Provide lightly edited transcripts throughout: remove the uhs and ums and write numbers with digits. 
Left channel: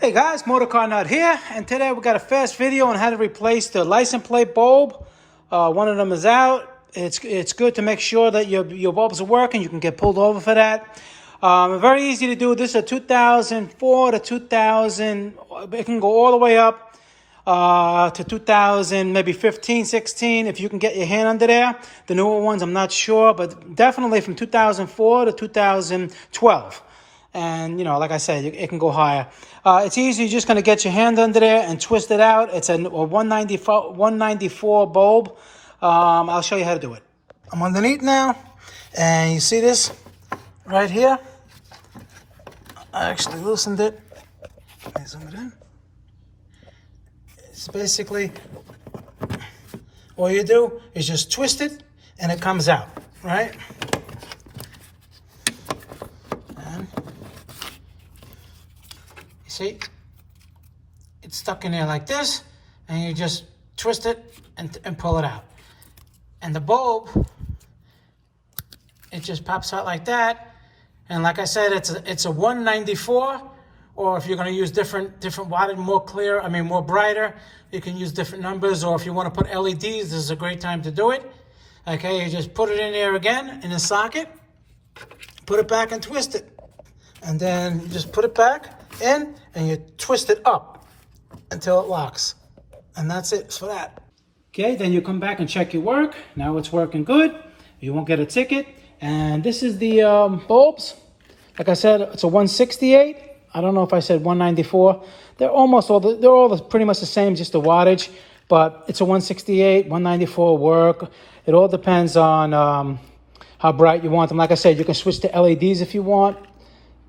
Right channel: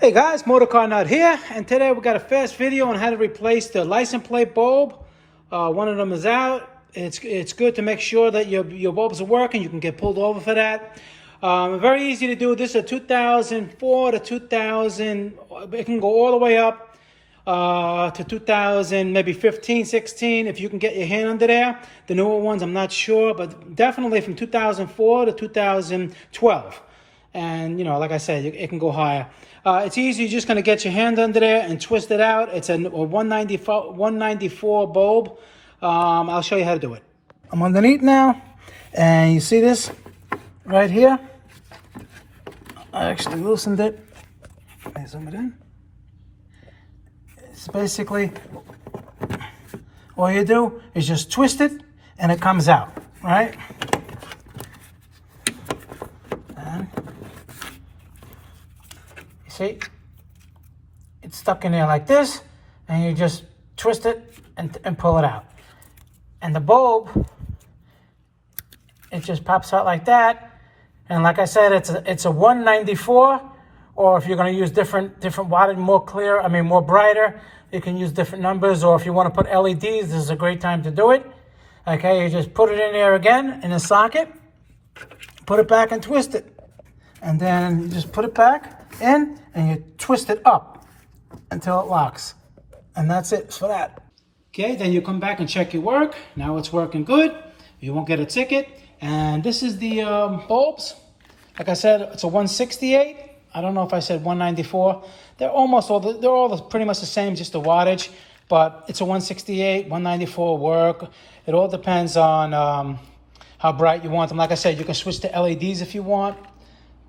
Hey guys, MotorCarNut here, and today we got a fast video on how to replace the license plate bulb. One of them is out. It's good to make sure that your bulbs are working. You can get pulled over for that. Very easy to do. This is a 2004 to 2000. It can go all the way up to 2000, maybe 15, 16, if you can get your hand under there. The newer ones, I'm not sure, but definitely from 2004 to 2012. And, you know, like I said, it can go higher. It's easy. You're just going to get your hand under there and twist it out. It's a 194 bulb. I'll show you how to do it. I'm underneath now, and you see this right here? I actually loosened it. Let me zoom it in. It's basically, all you do is just twist it, and it comes out, right? See, it's stuck in there like this, and you just twist it and pull it out. And the bulb, it just pops out like that. And like I said, it's a 194, or if you're going to use different wattage, more brighter, you can use different numbers. Or if you want to put LEDs, this is a great time to do it. Okay, you just put it in there again in the socket, put it back and twist it. And then you just put it back in and you twist it up until it locks. And that's it for that. Okay, then you come back and check your work. Now it's working good. You won't get a ticket. And this is the bulbs. Like I said, it's a 168. I don't know if I said 194. They're all pretty much the same, just the wattage. But it's a 168, 194 work. It all depends on how bright you want them. Like I said, you can switch to LEDs if you want.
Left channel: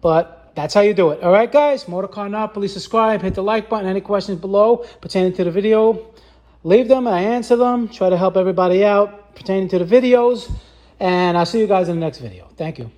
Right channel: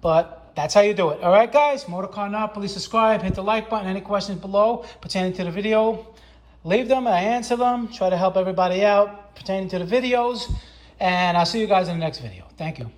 But that's how you do it. All right, guys, MotorCarNut, please subscribe, hit the like button. Any questions below pertaining to the video, leave them and I answer them. Try to help everybody out pertaining to the videos. And I'll see you guys in the next video. Thank you.